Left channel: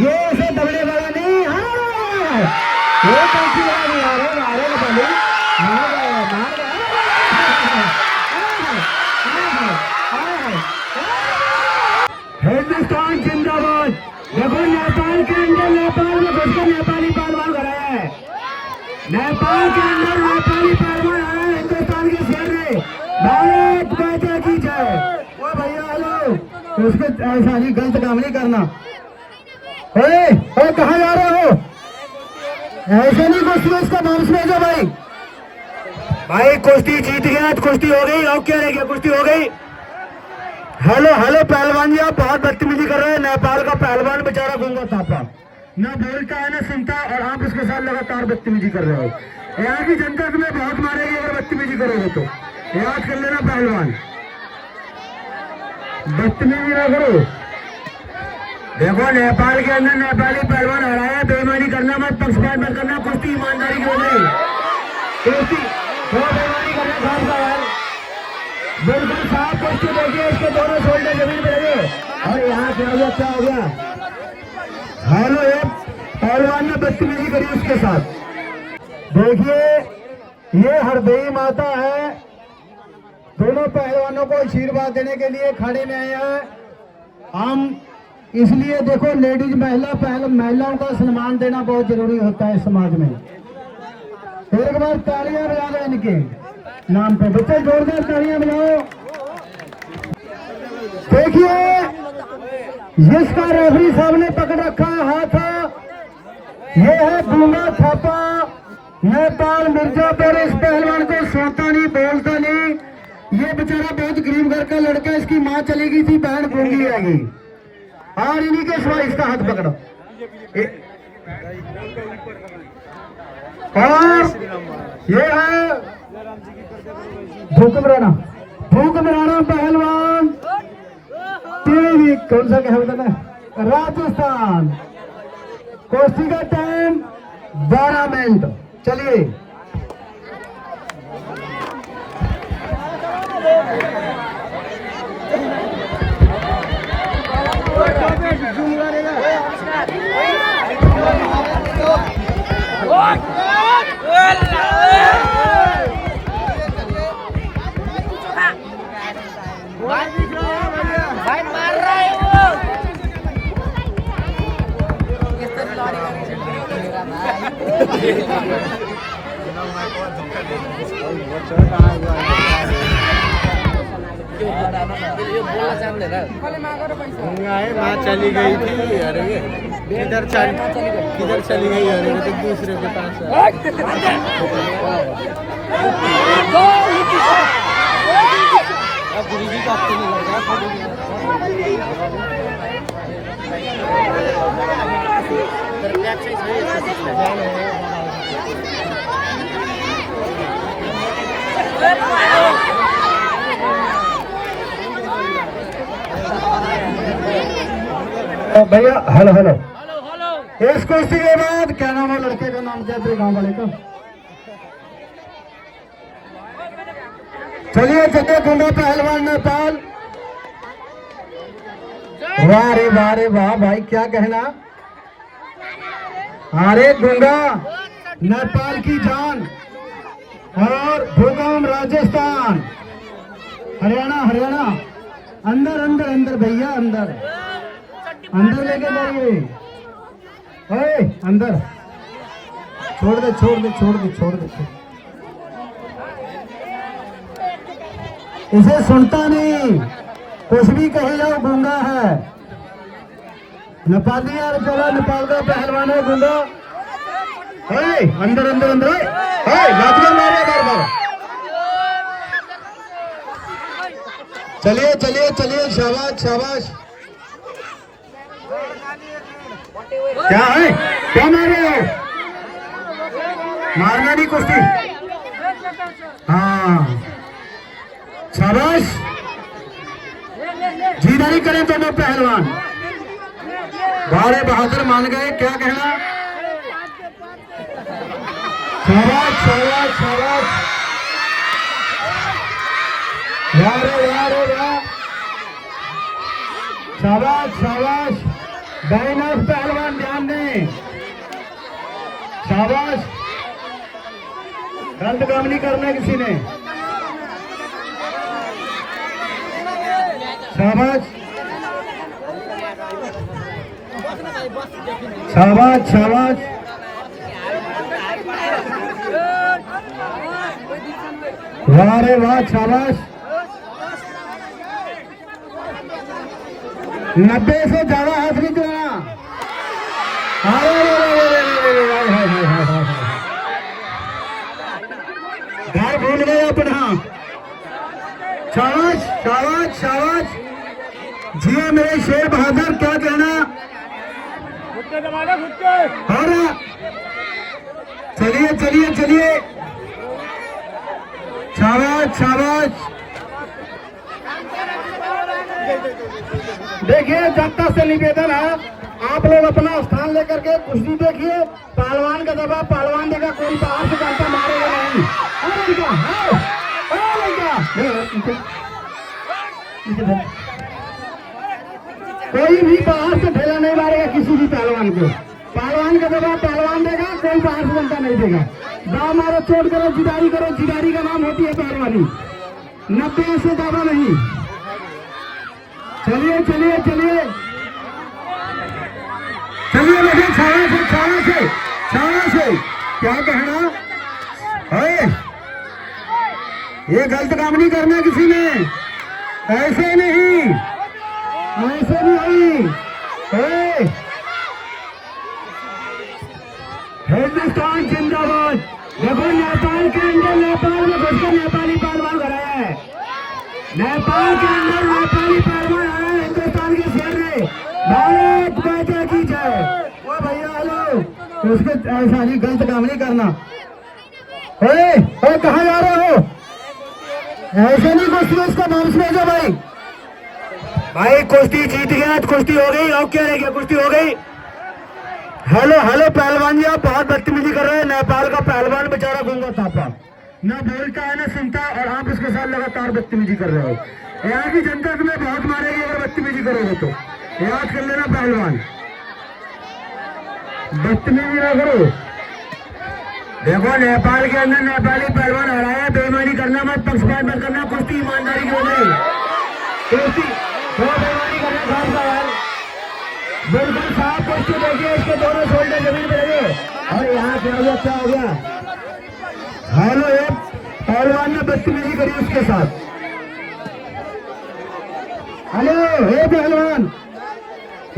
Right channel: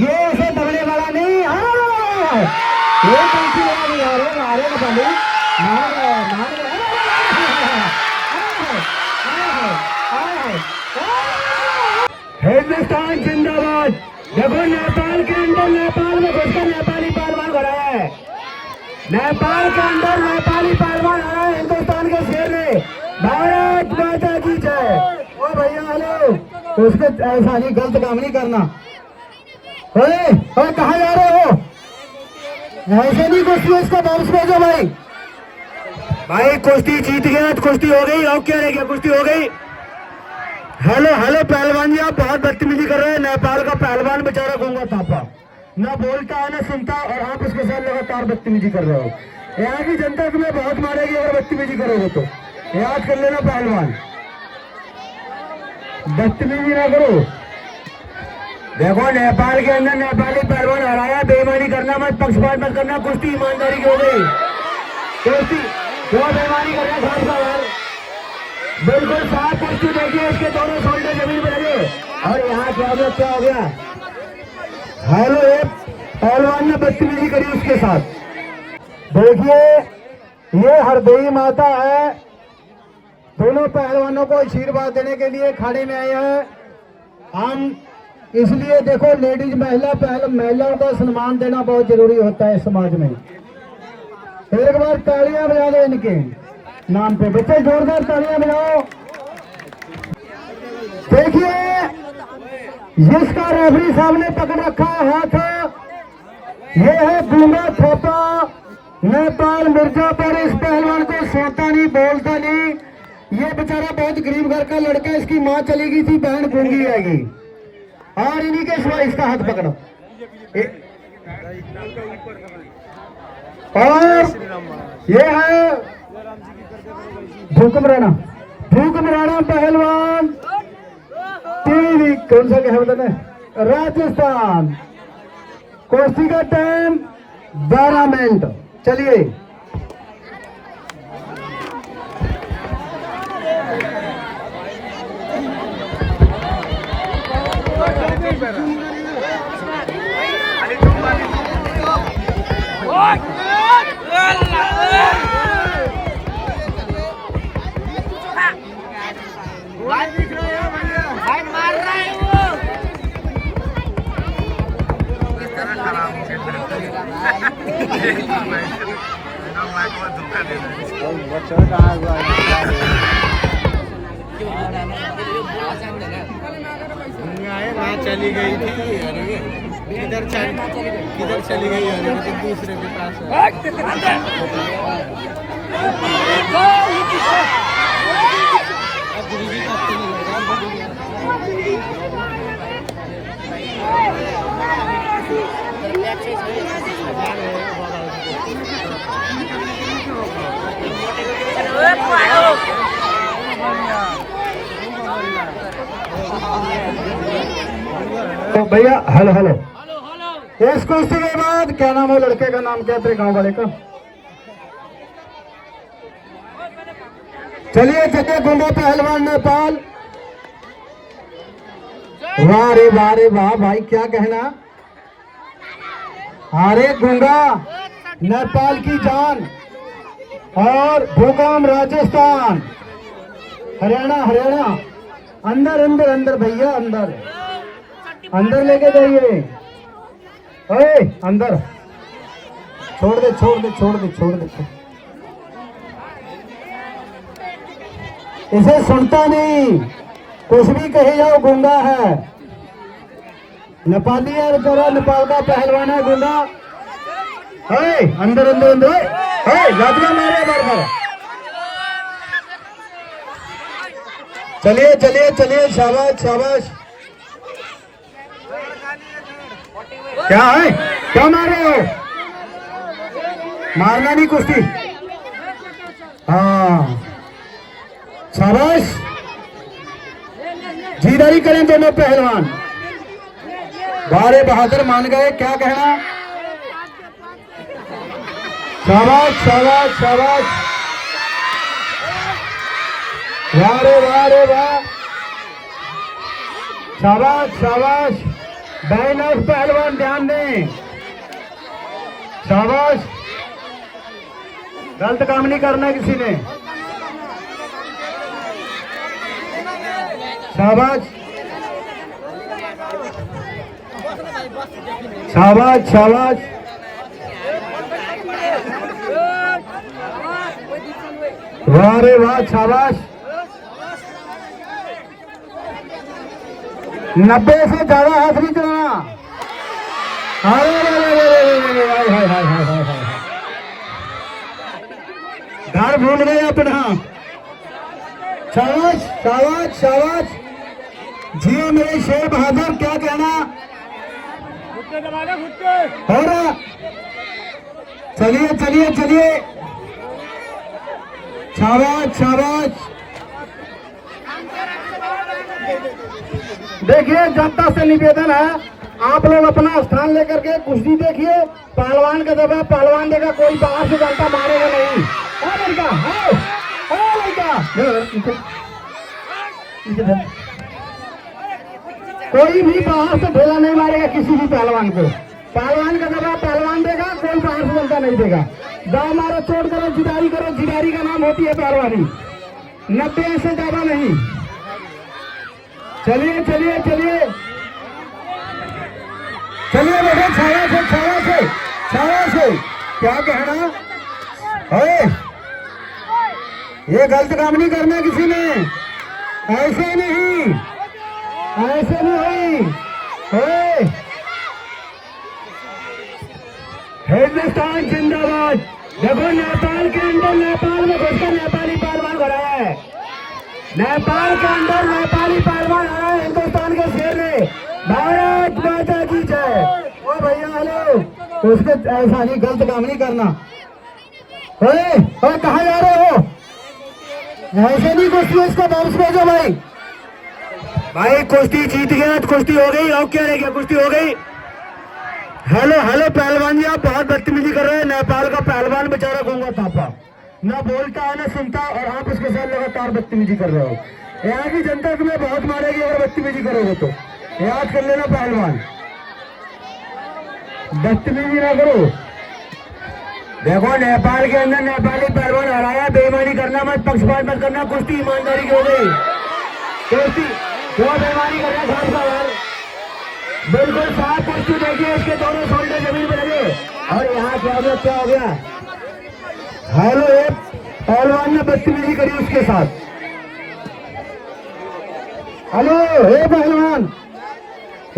ये ऐसे दबने वाला नहीं। हाँ ये काफी मारे बने हिंदुस्तान जिंदाबाद। देखो नेपाल के अंदर, नेपाल में घुसकर नेपाली पहलवान खड़ा है। नेपाल के अंदर नेपाली पहलवान आया है हिंदुस्तान के शेर ने। भारत माता की जय। ओ भैया हेलो, तो उसको ऐसा नहीं, गलत काम नहीं करना। कहाँ जा रहे हो? ऐसे नहीं कुश्ती, उसको वापस भेजो भाई। भाई कुश्ती जीत गया, कुश्ती हो गई। और क्या रह गया? कुश्ती हो गई। हेलो हेलो पहलवान जी, आप बहुत बदतमीजी कर रहे हैं। नेपाल का पहलवान बेचारा गूंगा थापा, ना बोलता है ना सुनता, और आप उसके साथ लगातार बदतमीजी कर रहे हो। यहाँ की जनता तुम्हें बहुत मारेगी अगर बदतमीजी करोगे तो, याद कर लेना पहलवान। बदतमीजी ना करो। देखो नेपाल के अंदर नेपाली पहलवान हराया। बेईमानी करना मत, पक्षपात मत करना। कुश्ती ईमानदारी की हो गई। कुश्ती बहुत बेईमानी करना यार, बिल्कुल साफ कुश्ती देखिए। उसके दोनों शोल्डर जमीन में लगे और यहाँ क्या हो गया? हेलो, पहलवान ने बदतमीजी करी उसके साथ। देखिए ये हरदई माता है। दोनों पहलवानों को आशीर्वाद देने के लिए खाड़ी में आए हैं हम। इसलिए देखो लेडीज महिलाओं का सम्मान देना बहुत जरूरी होता है समाज में। एक बार तालियां बजा दो इनके नाम पे। बच्चे जोरदार तालियां बजाओ। देखिए जिसका रेफरी साहब ने पकड़ रखा है हाथ, ये है गूंगा थापा नेपाल मिर्जापुर। इस पहलवान को सुनता नहीं, बोलता नहीं। ये बेचारा बहुत गरीब घर का लड़का, इसकी माँ चली गई थी, बहन गूंगी आएगी। और इन्हीं के सिवा इसका हाथ पकड़ो। और ये है भूकंप राणा पहलवान। टीवी कौन सा क्या होता है? राजस्थान। कुश्ती का टाइम 12 मिनट। चलिए चली गई थी। अरे किधर चली गई? अरे तो दूसरे के पास गुरुजी का तो भैया हेलो हेलो। इस कुश्ती के बाद क्या नाम है लड़के का? नाम क्या है गांव वाले का? चलिए गुंडा पहलवान नेपाल। वाह रे वाह रे वाह भाई, क्या कहना। अरे गुंडा नेपाल की जान और भूकंप राजस्थान। हरियाणा। अंदर भैया, अंदर लेके जाइए। अरे अंदर छोड़ दे। इसे सुनता नहीं, कुछ भी कहे जाओ गूंगा है। नेपाली है बेचारा, नेपाल का पहलवान है गूंगा। अंदर लातियां मारे बार। चलिए शाबाश। क्या है? क्या मार रहे हो? मारना नहीं कुश्ती। हाँ शाबाश। जीदारी करें दोनों पहलवान। बारे बहादुर मान गए। क्या कहना? शाबाश। वाह रे वाह। शाबाश। बैन ऑफ पहलवान ध्यान दें। शाबाश, गलत काम नहीं करना किसी ने। शाबाश शाबाश शाबाश। वाह रे वाह, शाबाश। 90 से ज्यादा हाथ नहीं चलाना। घर भूल गए अपना। शाबाश शाबाश शाबाश। जी मेरे शेर बहादुर, क्या कहना। और चलिए चलिए चलिए, शाबाश शाबाश। देखिए, जनता से निवेदन है, आप लोग अपना स्थान लेकर के कुश्ती देखिए। पहलवान का दबा पहलवान देगा, कोई बाहर से जनता मारेगा नहीं। कोई भी बाहर से ढेला नहीं मारेगा किसी भी पहलवान को। पहलवान का दबा पहलवान देगा, कोई बाहर से जनता नहीं देगा। दाव मारो, चोट करो, जिदारी करो, जिदारी का नाम होती है पहलवानी। 90 से ज्यादा नहीं। चलिए चलिए चलिए चलिए बेटे, छाया से छाया से छाया से। क्या कहना है, ये गलत काम नहीं करना किसी ने। ऐसे नहीं, ऐसे नहीं। हिंदुस्तान जिंदाबाद। देखो, नेपाल के अंदर, नेपाल में घुसकर नेपाली पहलवान भरा है। नेपाल के अंदर नेपाली पहलवान आया है हिंदुस्तान के शेर में। भारत माता की जय। ओ भैया हेलो, तो उसके ऐसा नहीं, गलत काम नहीं करना। कहाँ जा रहे हो, ऐसे नहीं कुश्ती, उसको वापस भेजो भाई। भाई कुश्ती जीत गया, कुश्ती हो गई। और क्या रह गया, कुश्ती हो गई। हेलो हेलो पहलवान जी, आप बहुत बदतमीजी कर रहे हैं। नेपाल का पहलवान बेचारा गूंगा थापा, न बोलता है न सुनता, और आप इसके साथ लगातार बदतमीजी कर रहे हो। यहाँ की जनता तुम्हें बहुत मारेगी अगर बदतमीजी करोगे तो। याद कर लेना पहलवान, बदतमीजी ना करो। देखो, नेपाल के अंदर नेपाली पहलवान हराया, बेईमानी करना मत, पक्षपात मत करना। कुश्ती ईमानदारी की हो गई। कुश्ती बेईमानी करना घर सवाल, बिल्कुल साफ कुश्ती देखिए, उसके दोनों शोल्डर जमीन पर लगे। और यहाँ क्या हो गया। हेलो, पहलवान ने बदतमीजी करी उसके साथ। हेलो हे पहलवान,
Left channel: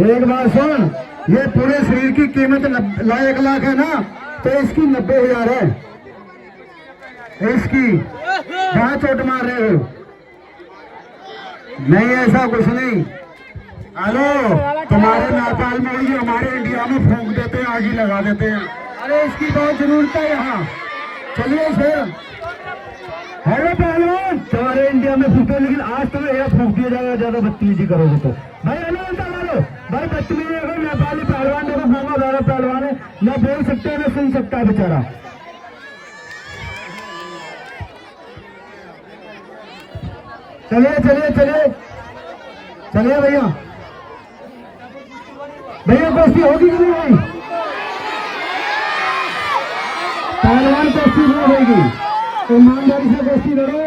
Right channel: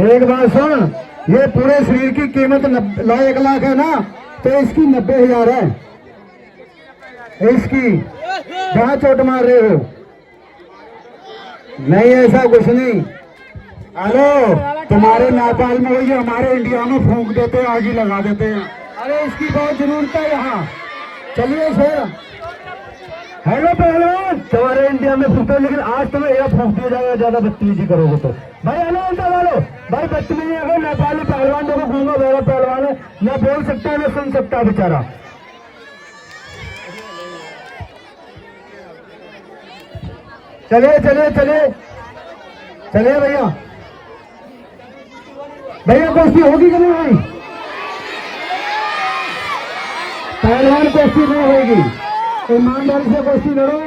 एक बात सुन, ये पूरे शरीर की कीमत 1 लाख है ना, तो इसकी 90,000 है। इसकी जहां चोट मार रहे हो, नहीं ऐसा कुछ नहीं। हेलो, तुम्हारे नेपाल में वही हमारे इंडिया में फूंक देते हैं, आग ही लगा देते हैं। अरे इसकी बहुत जरूरत है यहाँ। चलिए सर, हेलो पहलवान, तुम्हारे इंडिया में फूकते, लेकिन आज तुम्हें एक फूक दिया जाएगा ज्यादा बदतमीजी करोगे तो। भाई हेलो उल्टा बोलो भाई, बदतमीजी अगर नेपाली पहलवान देखो, घूंगा वाला पहलवान है, न बोल सकता है न सुन सकता है बेचारा। चलिए चलिए चलिए चलिए भैया, भैया कुश्ती होगी कि नहीं भाई। पहलवान कुश्ती नहीं होगी, ईमानदारी से कुश्ती लड़ो,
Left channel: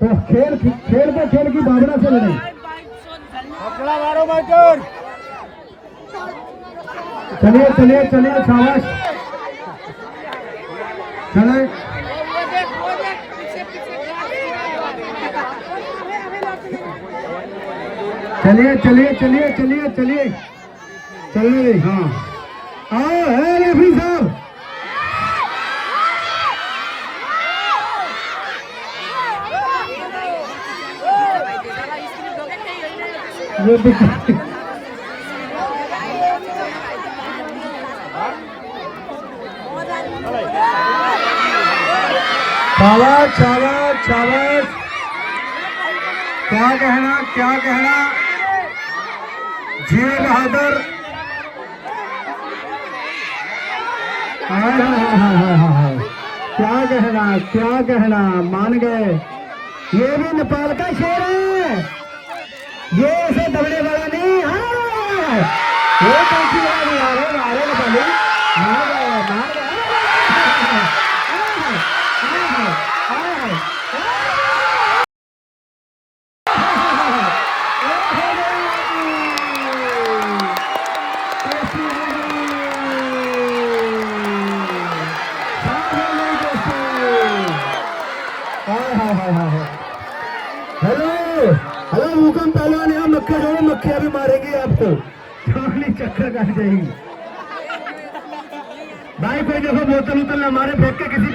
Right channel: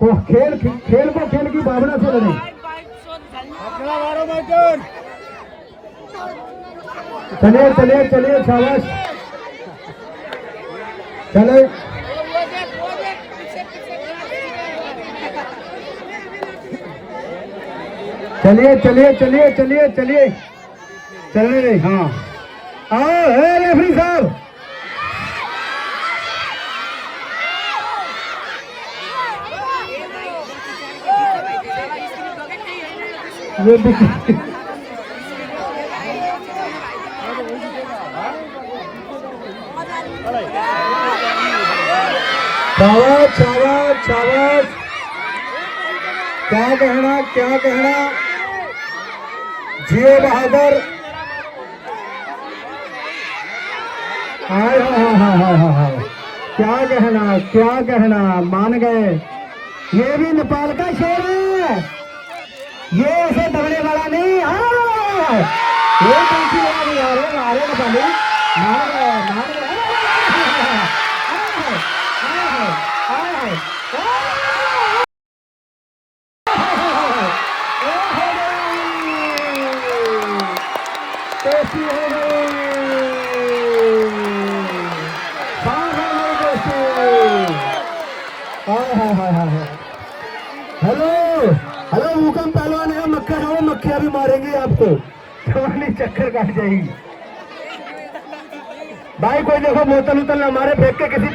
तो खेल को खेल की भावना से लड़े। चलिए चलिए चलिए, शाबाश। चले चलिए चलिए चलिए चलिए चलिए चलिए। हाँ है रफी साहब, शाबाश शाबाश शाबाश। क्या कहना, क्या कहना, जिए बहादुर। क्या कहना, क्या कहना, मान गए। ये भी नेपाल का शेर है, ये ऐसे दबने वाला नहीं है। हेलो हेलो भूकंप पहलवान यहाँ मक्खिया छोड़ो, मक्खिया भी मारेंगे आपको, छोड़नी चक्कर काट जाएगी भाई। कोई देखो बोतल उतल ना मारे फेंक के किसी